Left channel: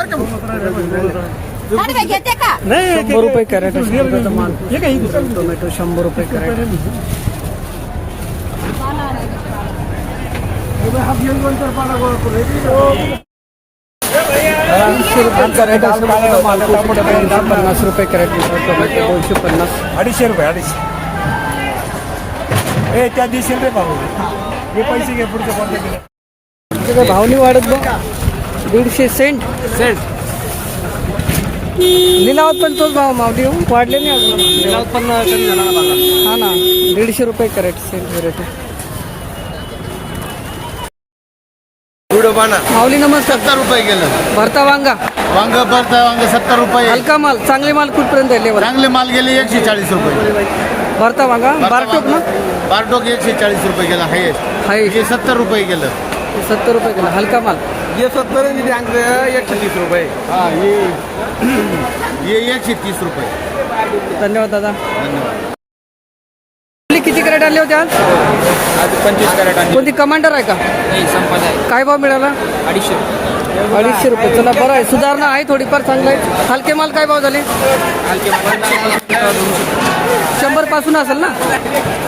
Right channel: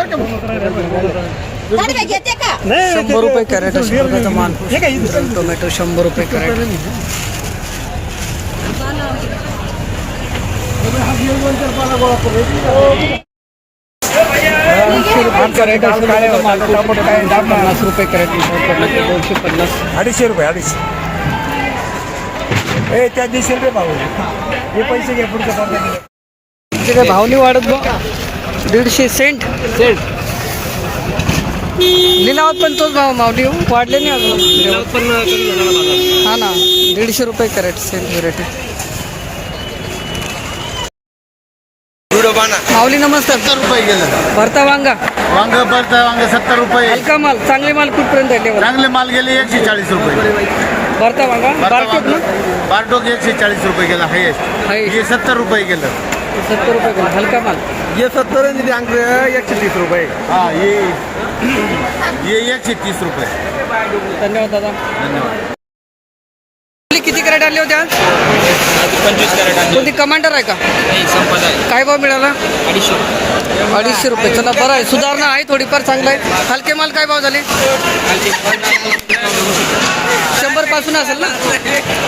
100 रुपये कॅरेट अशा प्रकारचा माल. टोमॅटो 100 रुपये कॅरेट. 200 रुपये कॅरेट अशा प्रकारचा माल. 250 रुपये कॅरेट. टोमॅटो 250. 250 रुपये. 250 त्या 200 रुपये भाव हे पैसे घे पुढच्या काय भाव नाही वाढत बघ. 150 सेंट. लिलावत पण तोच भाव मावली वाढले नाही अजून. हा ना 150 रुपये कॅरेट सेंट व्हेरायटी. माऊली नमस्कार. 70 रुपये गेलं. भरता वांगा. भरता वांग 70 रुपये. हलका माल चांगले माल कुठपर्यंत आहे? चांगले माल गेले 140 रुपये. भरता वांगा बारटोक ना. बारटोक 140 रुपये गेला. हे 70 रुपये गेलं. 70 रुपये गेला. हलका माल ये 70 130 रुपये. हा ये 130 रुपये. धन्यवाद दादा. धन्यवाद. किती कॅरेट आले होते आज? 25 कॅरेट. कोणती कमांडर आहे का? संपत आहे. काय भाव मिळाला? 250 रुपये. चला बरं आहे, सुधारणा आहे थोडीफार. चांगलं आहे. हलके माल काय भाव झाले? 100 पासून असेल ना.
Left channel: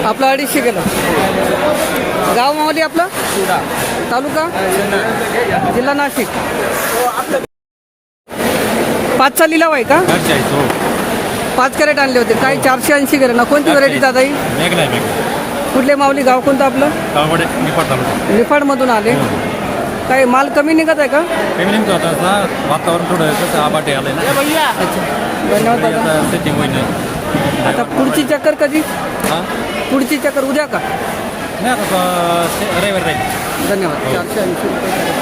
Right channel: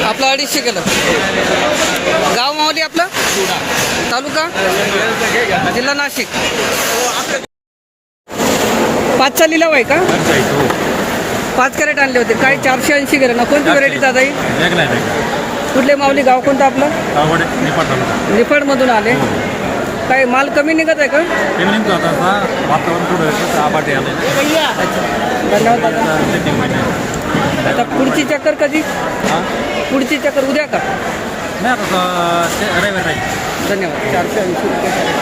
आपलं 250 गेलं. गाव मावली आपलं? तालुका जिल्हा नाशिक. 5चा लिलाव आहे का? 5 कॅरेट आणले होते. काय 480 गेलं ना. कोणती व्हरायटी दादा ही? कुठले माऊली? गाव कोणतं आपलं? निफाड मधून आले. काय माल कमी निघत आहे का? अच्छा धन्यवाद दादा. आता पुढची चक्कर कधी? पुढची चक्कर उद्या का? धन्यवाद. 480 रुपये कॅरेट.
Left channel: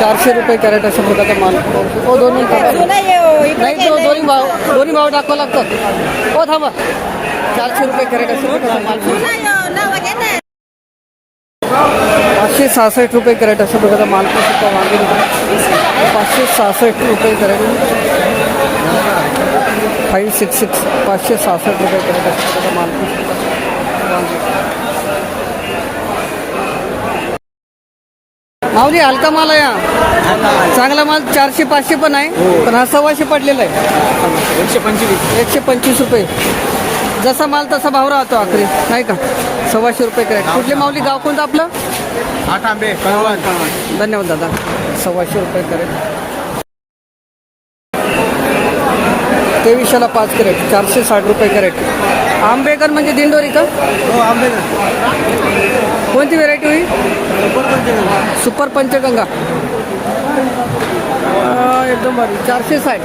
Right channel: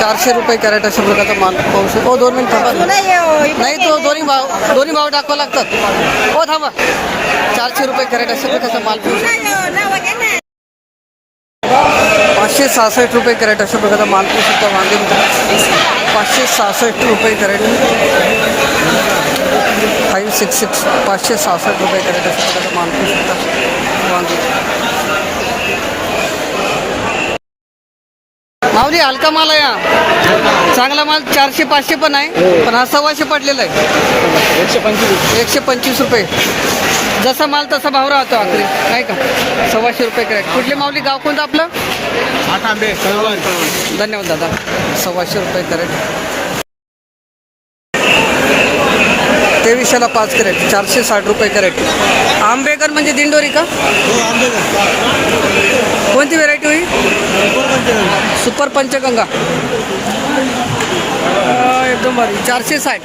400 रुपये कॅरेट अशा प्रकारचा माल. 2 मिनिट थांबा. नाही तो दोन्ही भाव टाकावं लागतात. थांबा. 400 रुपये कॅरेट अशा प्रकारचा माल. 566 रुपये कॅरेट अशा प्रकारचा माल सुद्धा वांगे. 566 रुपये कॅरेट. 566 566 रुपये कॅरेट अशा प्रकारचा माल सुद्धा वांगे. माऊली हलका माल आहे हा. चांगला माल 400-500 पण आहे. पण हा 125 पडलेला आहे. 125 रुपये. जसा माल तसा भाव राहतो आखरी नाही का. 125 रुपये कॅरेट. कुठले माऊली? गाव कोणतं आपलं? धन्यवाद दादा. 125 रुपये कॅरेट. 2300ला 5 कॅरेट. 460 रुपये कॅरेट. आंबेकर म्हणजे दिंडोरी का? कोणती व्हेरायटी होईल? सुपर पंचगंगा. एकदम भारी. 460.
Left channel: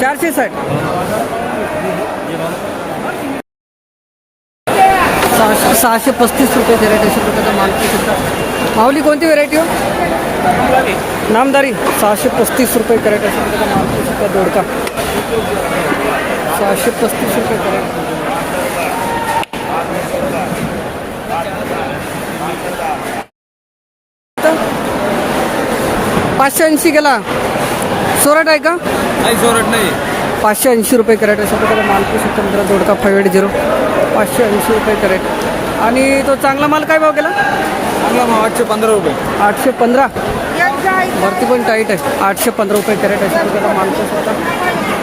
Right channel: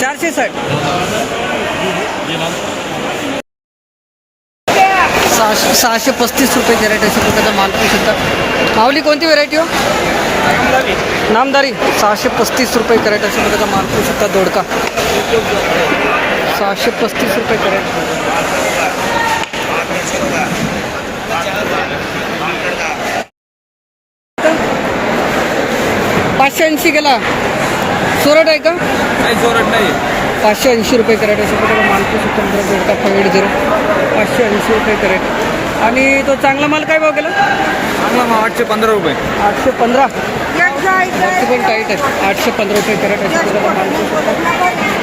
460. 635 रुपये कॅरेट अशा प्रकारचा माल सुद्धा. माऊली कोणती व्हेरायटी हो? नामदारी. 635 रुपये कॅरेट अशा प्रकारचा माल सुद्धा. दोडका 635 रुपये कॅरेट. 580 गेला. सोरट आहे का? नाही सोरट नाही. 580 रुपये कॅरेट अशा प्रकारे माल सुद्धा मित्र. दोडका 580 580 रुपये कॅरेट. आणि तो चांगला माल काय भाव गेला? चांगला माल 815 रुपये. 815. वरती पण टाईट आहे. 815 रुपये कॅरेट अशा प्रकारचा माल सुद्धा.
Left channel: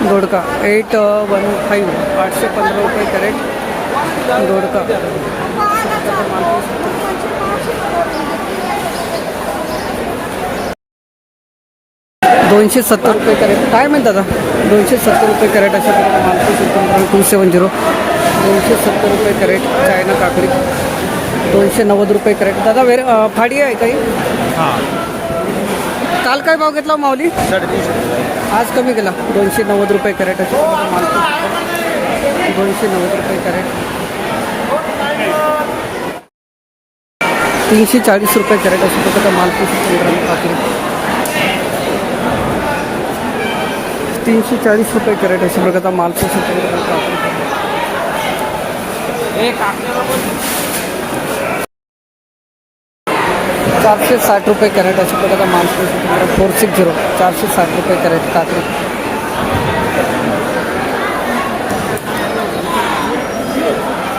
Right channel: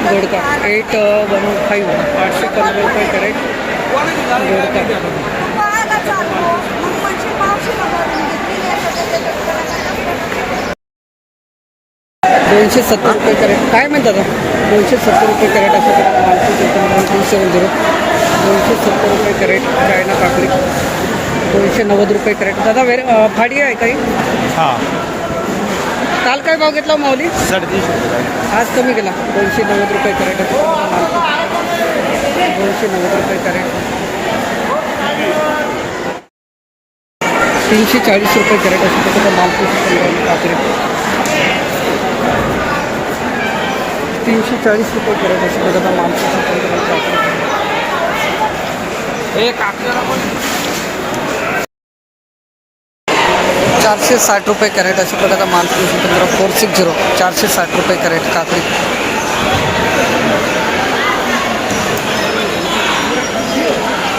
दोडका 815. 815 रुपये कॅरेट. दोडका माल 270 रुपये कॅरेट. काय म्हणतात 270 रुपये कॅरेट अशा प्रकारे माल 270. 270 रुपये कॅरेट. चायना काकडी 290 रुपये कॅरेट. दादा फाडी आहे काही? काल काय भाव घेतला माऊली? 350. आज कमी केला. 290 रुपये कॅरेट अशा माल. 290 रुपये कॅरेट. 340 रुपये कॅरेट अशा प्रकारचा माल 15 काकडी. 340 रुपये कॅरेट अशा प्रकारचा माल 15 काकडी. 460 रुपये कॅरेट अशा प्रकारचा माल 460. 460 रुपये कॅरेट काकडी.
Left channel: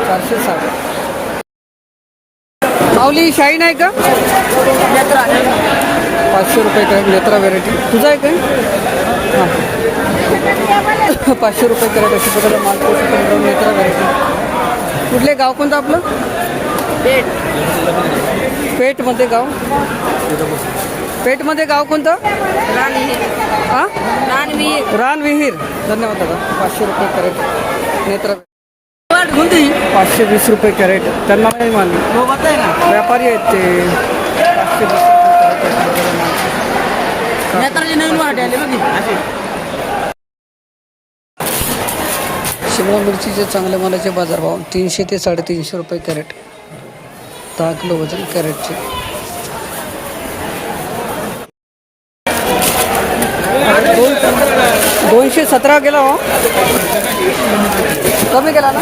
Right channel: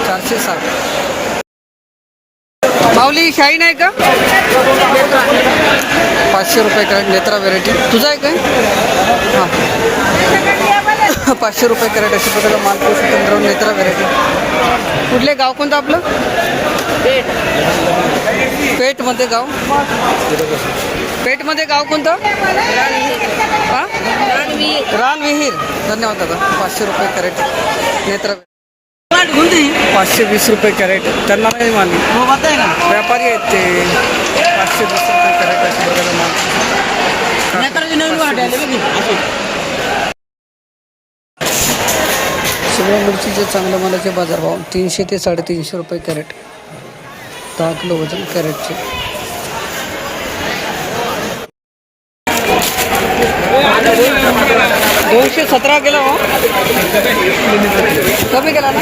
460. माऊली शाईन आहे का? 500 रुपये कॅरेट नेत्रा व्हेरायटी. तुझा आहे काय? हां 500 रुपये कॅरेट अशा प्रकारचा माल पुरुषोत्तमराव नेत्रा व्हेरायटी. कुठले गाव कोणतं आपलं? पेठमध्ये गाव. पेठमध्ये गाव कोणतं? हां रानविहीर. धन्यवाद दादा. 500 रुपये कॅरेट नेत्रा. 520 रुपये कॅरेट. त्यांना नाही मानली, व्यापारी आहेत ते. 520 रुपये कॅरेट अशा प्रकारचा माल. शिमला मिरचीचे चांगल्या मालाचे बाजारभाव 300 ते 350 रुपये कॅरेट. 10 किलो वजन कॅरेटचे. $217 गेला हो. कमी केला ना.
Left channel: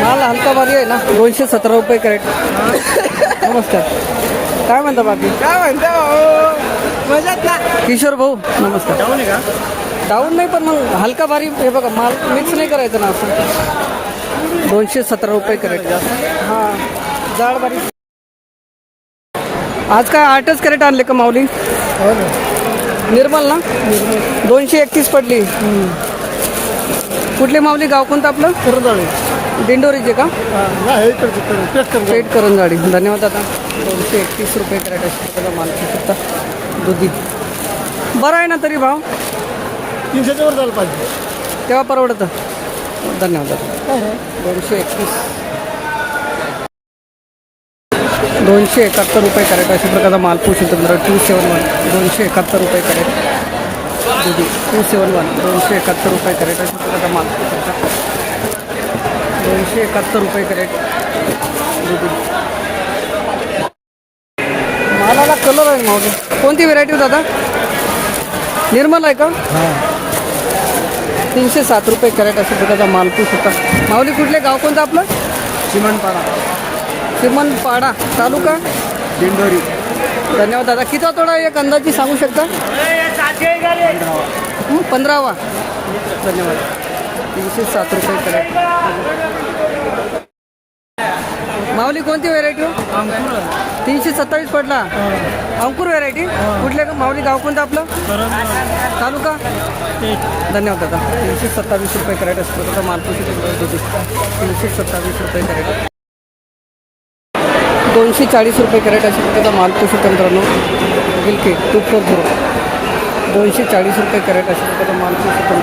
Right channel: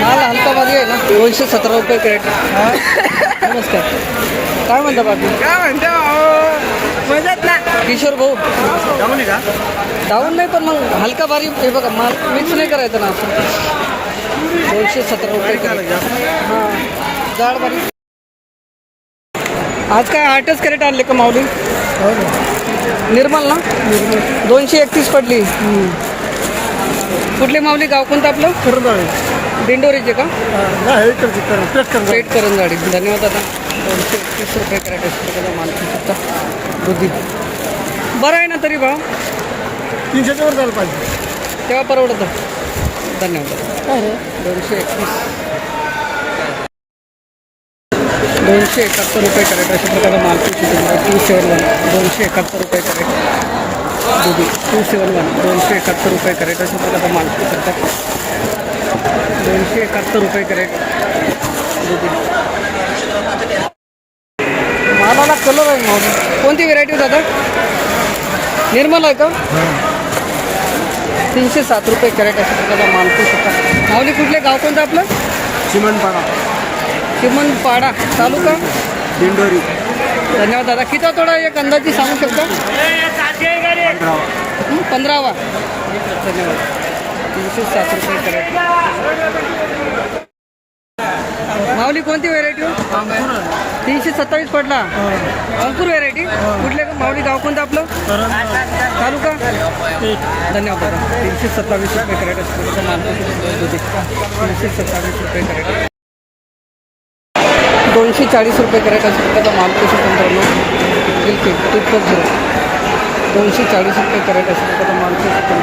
माल हलका भारी आहे ना. 217 रुपये कॅरेट. नमस्कार. काय म्हणता बाकी? किशोर भाऊ नमस्कार. डाऊन आहे का? डाऊन नाही, पण मग हलका भारी हे बघा, माल मिक्स नाही करायचं ना असं. 217 रुपये कॅरेट. हां जाड बारीक. आज काय 8च कॅरेट आणले का माऊली? निर्मल ना. 231 पडली. कुठले माऊली गाव कोणतं आपलं? करंजाळे. दिंडोरीचे का? पेठ पेट करंजाळी. धन्यवाद दादा. 231 रुपये कॅरेट अशा प्रकारचा माल शकता. दुधी बरं आहे ना तरी भाव? 300च्या वर झालं पाहिजे तेव्हा परवडतं. धन्यवाद दादा. 271 रुपये कॅरेट अशा प्रकारचा माल. 271 271 रुपये कॅरेट. दुधी 271 271 रुपये कॅरेट अशा प्रकारचा माल. 271 रुपये कॅरेट दुधी. मालाला कलर आहे माऊली. कोणती व्हेरायटी दादा? निर्मल आहे का? 307 रुपये कॅरेट अशा प्रकारचा माल. माऊली कुठले गाव कोणतं आपलं? चिमणपाडा. चिमणपाडा तालुका दिंडोरी. धन्यवाद दादा. किती तोडा एक अंदाजी सांगू शकता? 15वा. धन्यवाद. 307 रुपये कॅरेट. माऊली कोणती व्हेरायटी? 327 पडला. अंकुर व्हेरायटी. कुठले माऊली गाव कोणतं आपलं? तालुका. धन्यवाद दादा. 327 रुपये कॅरेट अशा प्रकारचा माल. 327 रुपये कॅरेट. 240 रुपये कॅरेट अशा प्रकारचा माल. 240 रुपये कॅरेट अशा प्रकारचा माल. 240